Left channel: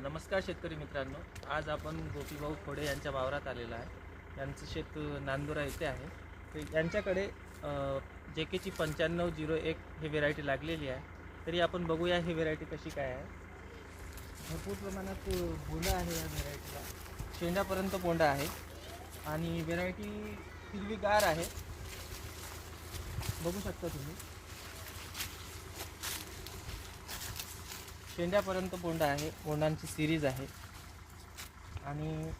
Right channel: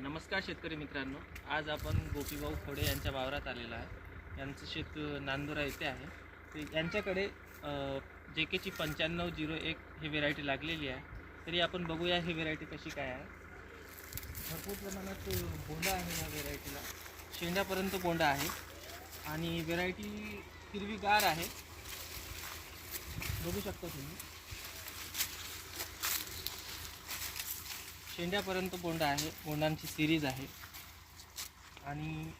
नमस्कार शेतकरी मित्रांनो. आज आपण गोपीभाऊ खोडे यांच्या वावरात आलेलो आहे. यांचं शेत नांदुरा येथे आहे. तर यांच्याकडे जे केची पंच्याण्णव झिरो एक ही व्हेरायटी लागलेली आहे. तरी आपण बघूया ही व्हेरायटी कशी काय आहे. भरपूर प्रमाणात बोंडा आहे या व्हेरायटीला. शेंड्यापर्यंत बोंडा आहे. आणि व्हेरायटी हिरवीगार आहे. बघू शकता तुम्ही. शेंड्यापर्यंत बोंडा आहे बोंडांची सिरीज आहे. आणि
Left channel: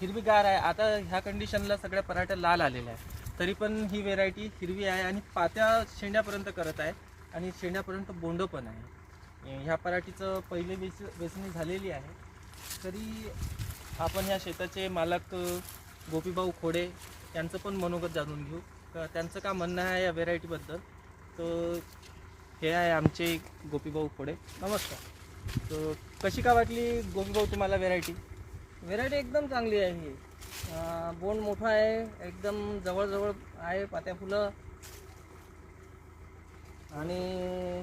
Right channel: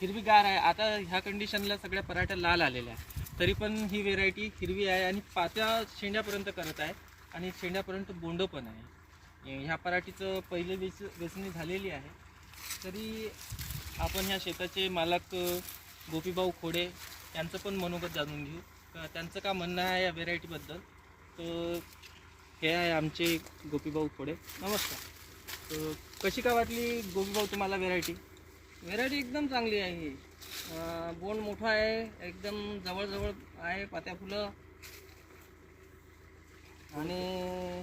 हिरवीगार आहे. आता ह्या कंडिशनला सगळ्या पराठ्या लाल आलेल्या आहेत. तरी पण ही व्हेरायटी हिरवी आहे आणि पात्या शेंड्यापर्यंत करत आहे आणि शेंड्यापर्यंत बोंड पण आहे. ह्या पराठीचं पहिले वेच वेचणी झालेली आहे. तरी आपण ह्या शेताचे मालक गोपीभाऊ खोडे यांचं पण मनोगत जाणून घेऊ. त्यांचं का म्हणणं आहे या व्हेरायटीबद्दल तर हे आहे आमचे गोपीभाऊ खोडे नमस्कार. तर कशी का वाटली गोपीभाऊ तुम्हाला व्हेरायटी व्हेरायटी एकदम चांगली आहे. ही बोंड मोठा आहे एकदम जवळजवळ आहे पात्या फुलं. आणि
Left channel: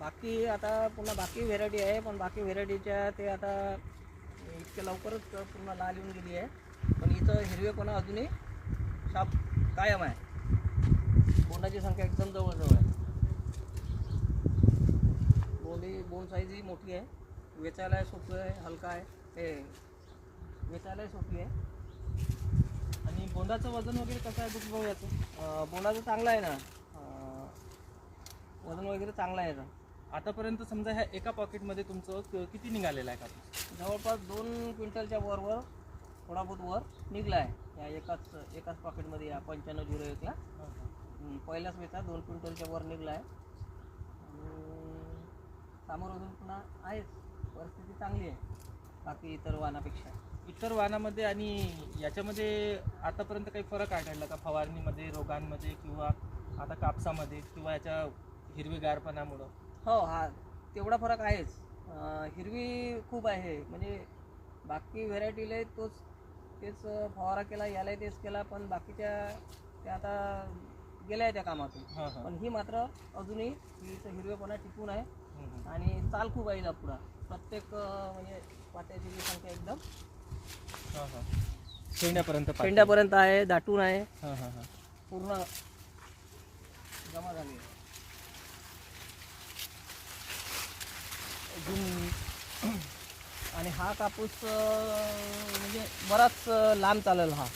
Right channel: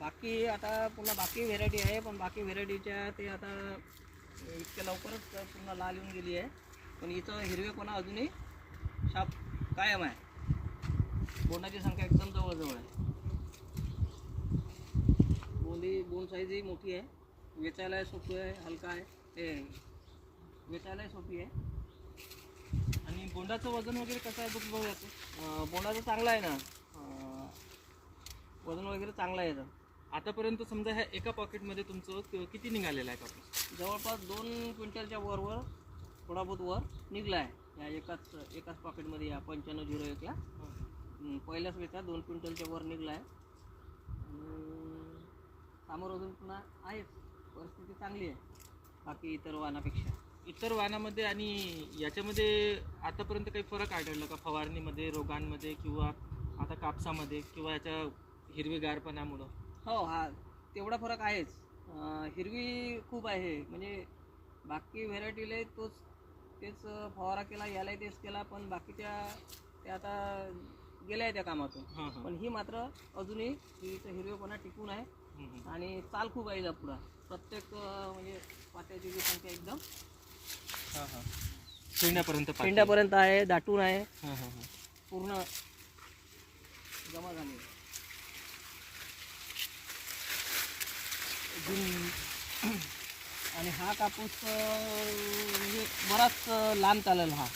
बाकी आता पुन्हा बाकी व्हेरायटी आहे पण बाकी व्हेरायटीच्या ते आता इतक्या लवकरच पुन्हा लाल येऊन गेली आहे. पण इथं हिरवेपणा अजूनही शाप कायम आहे. बोंडाची संख्या एकदम जवळजवळ आहे. बोंडी बोंड साईजही मोठी आहे. वेचायलाही सोपी आहे हलका आहे. ते वेचायलाही सोपी आहे. आणि बोंडाचं वजन वगैरे कसं आहे गोपीभाऊ याचं? बोंडाचं चांगलं आहे ना? वजन वगैरे चांगलं आहे याचं. आतापर्यंत समजा ह्या एका पॉकेटमध्ये तुमचं किती निघालेलं आहे कापूस? जवळपास दोन क्विंटलच्या वरवर थोडा बहुत वर निघला आहे. या एकाच एकाच पॉकेटमध्ये या पंच्याण्णव झिरो एकला. पहिल्याच वेळा दोन क्विंटलच्या वर निघला आहे. आणि सामोर अजून पुन्हा आहेच परिस्थिती चांगली आहे. बाकी इतर वाहनापेक्षा. इतर वाहनामध्ये आणि याच्यामध्ये आतापर्यंत काही फरक आढळला का? फवारणीमध्ये रोगांमध्ये किंवा आता कापसामध्ये किंवा याच्या हिरवीगारपणामुळं? हो हा. तेवढा फरक आहेच. अं, हिरवी खूप आहे. म्हणजे बाकी व्हेरायटीला तोच तेच फवारा केला यालाही तेच केला पण बाकीच्या त्या आता गेल्या आहे त्या कामातून. हां हां. पण ही मात्र अजूनही हिचं हिरवेपणा टिकून आहे. आणि चाल खूप आहे पुढं. प्रत्येक म्हणजे पात्याची जी संख्या एकदम. हां हां. शेंड्यापर्यंत. शेंड्यापर्यंत आहे दाटून आहे. हां हां हां. पूर्ण जमा झाली. आहे. अजून आणि हा कापूस म्हणजे बराच लांब चालेल हा.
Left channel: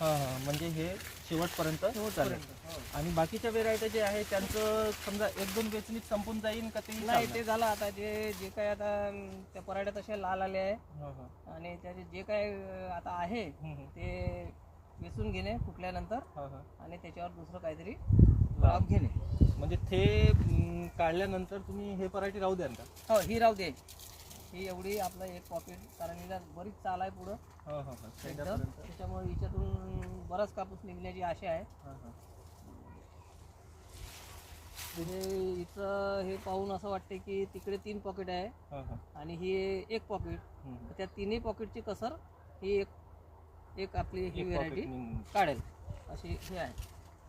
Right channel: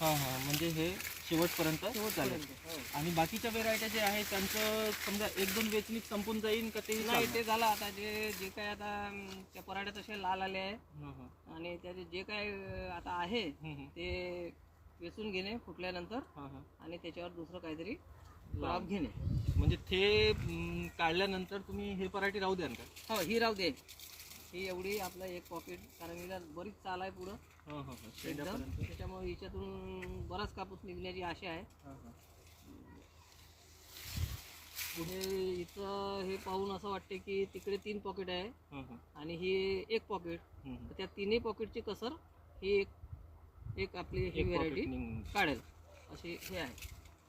हां हां. म्हणजे हे शेवटपर्यंत चालेल. आणि बाकीच्या व्हेरायट्या जे आहे त्यांचं समजा एक दोन वेचणीत संपून जाईल का ते नाही ते झालं आता. जे जे काय आता त्या पराठ्यात तसे लाल आले आहे. हां हां. आणि त्याचे जे काय आता आहे. ते वेचून घेणे फुटल्यानंतर हां हां. आणि त्याच्यावर दुसरं काहीतरी लाभ घेणे. म्हणजे ते काढल्यानंतर तुम्ही हे पराठी राहू द्याल का? हो ही राहू दे. ही एवढी आपलं एक पॉकेट कारण हिला बरीच चाल आहे पुढं. हां हां हां. एकदम. त्याच्यामुळे हिच्यातून बराच कापूस निघण्याची आशा आहे. पुढे इथं हे पाहून असं वाटते की तिकडे तीन पॉकेट आहे आणि ही एक पॉकेट. त्या तिन्ही पॉकेटची कसर ही एक एक आपली ही व्हेरायटी. काढेल. अशी हे आहे.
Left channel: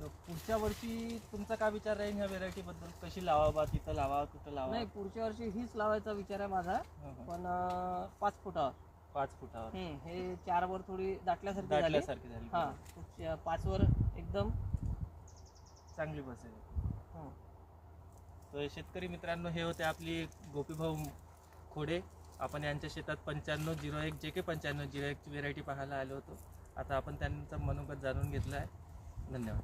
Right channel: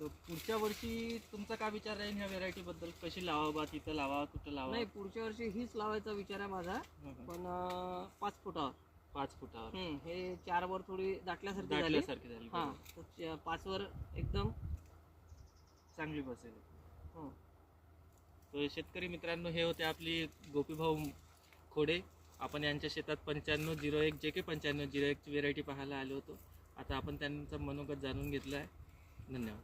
तर पुढच्या वर्षी तुमचा काय विचार राहील ह्या व्हेरायटी बद्दल? कशी लावा बा तिथं लावा कुठं लावा? नाही पुढच्या वर्षी हीच लावायचा विचार आहे माझा. पण अं, पाच फुटावर. पाच फुटावर. हम्म, हे चार वर थोडी दाटल्यासारखी झाली. दाटल्यासारखी झाली. हा तर पाच वर एकदम. चांगली बसेल हो. तर शेतकरी मित्रांनो हे होते आपली गोपीभाऊ खोडे. आपण यांच्या शेतात पंच्याण्णव झिरो एक जे के पंच्याण्णव झिरो एकची व्हेरायटी पाहायला आलो होतो. आता आपण त्यांचं मनोगत जाणून घेतलं आहे. धन्यवाद.